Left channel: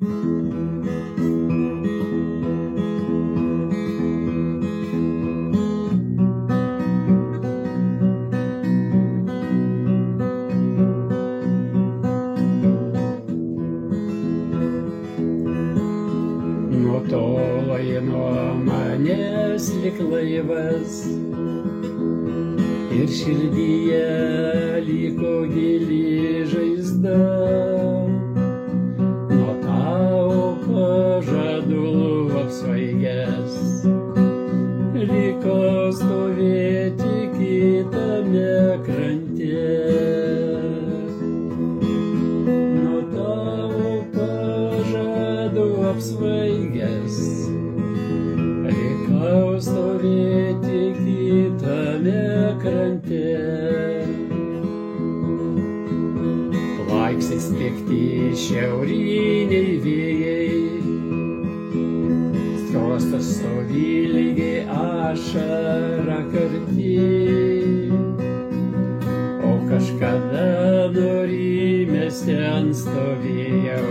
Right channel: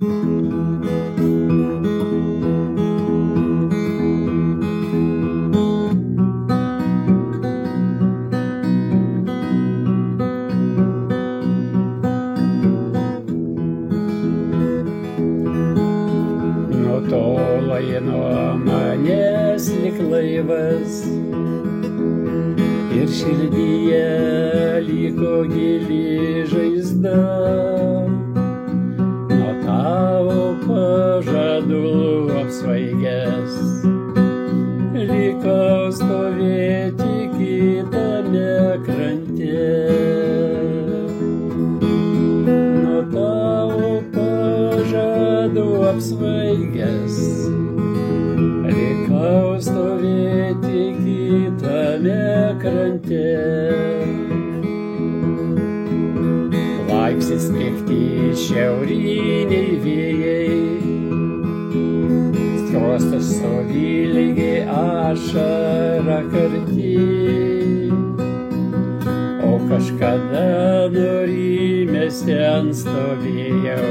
Nutolai nuo manęs lyg laivas ir širdyje liko gili žaizda. Nuo tavo pažadų apsvaigęs likau stovėti kitame krante. Nuo tavo pažadų apsvaigęs likau stovėti kitame krante. Laiksis pikti šiauriniai vėjai, skruostas savilygiai ašara karti. O kažkada nurimęs ten stovėjau,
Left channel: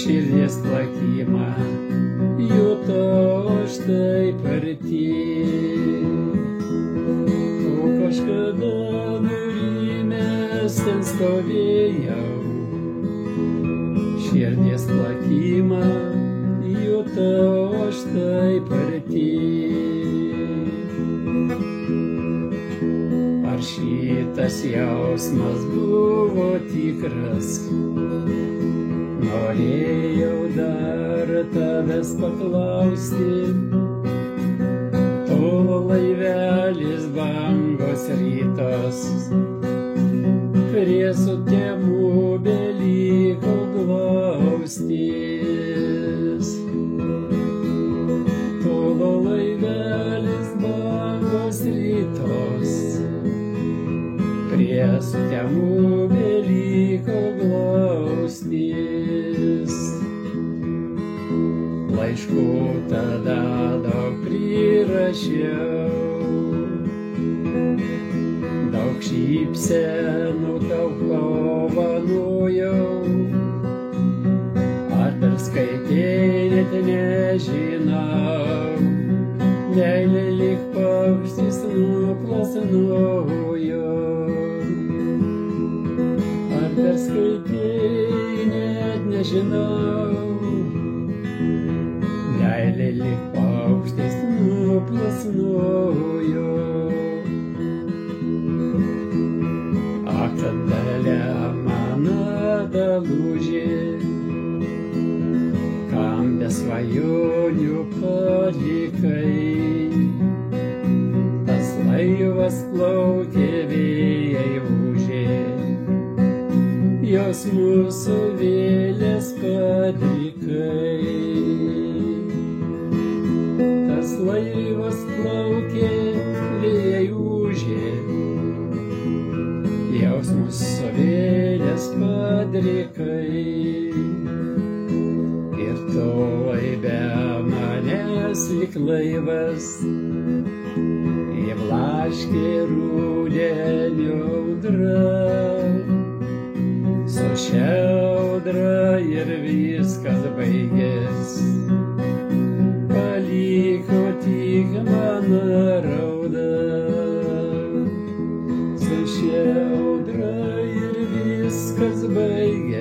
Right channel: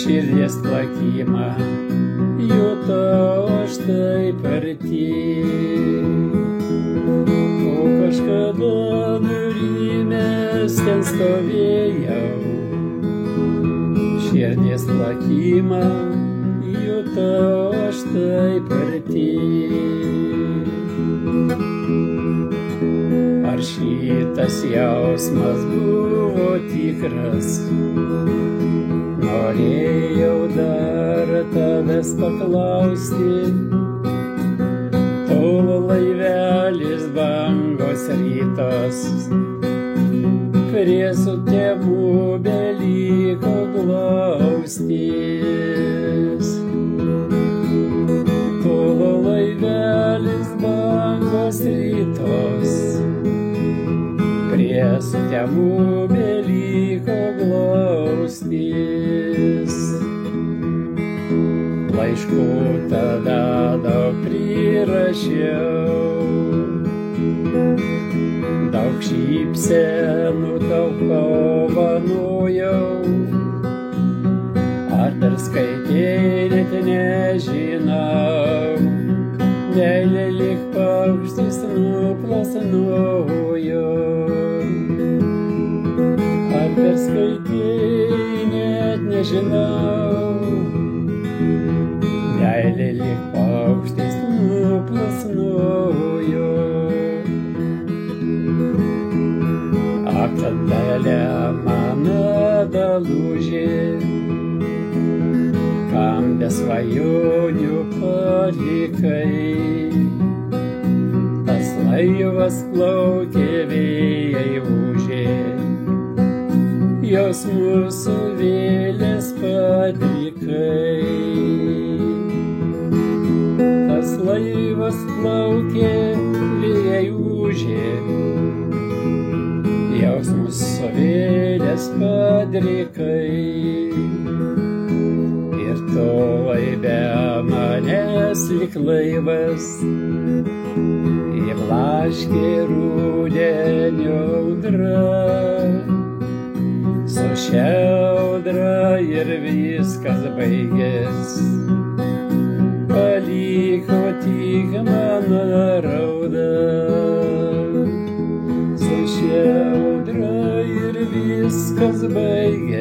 širdies plakimą jutau aš taip arti. O kažkada nurimęs ten stovėjau, širdies plakimą jutau aš taip arti. Ar šitas jausmas buvo tikras? Norėjau dar tavęs paklausti. Tolo laivelis bangos rytos, prie sutemų beliko glaustis. Tolo laivelis bangos rytos, prie sutemų beliko glaustis. Laiškų tada daug prirašiau, daug šypsenų tau dovanojau. Ar perskaitei, net nežinau, meilė lyg paukštis nuplasnojo. Ar perskaitei, net nežinau, meilė lyg paukštis nuplasnojo. Ak, tada mano dalužė, kam be svajonių palikai. Tas laivas plaukė, vėjai ūžė, jausmų suvėlės padrikai. Tas laivas plaukė, vėjai ūžė, jausmus suvėlės padrikai. Ir tu laive manęs lyg laivas įblaškė rudenio audra. Su šia audra ir viskas baigės, paliko tik mano rauda. Su šia audra ir viskas baigės,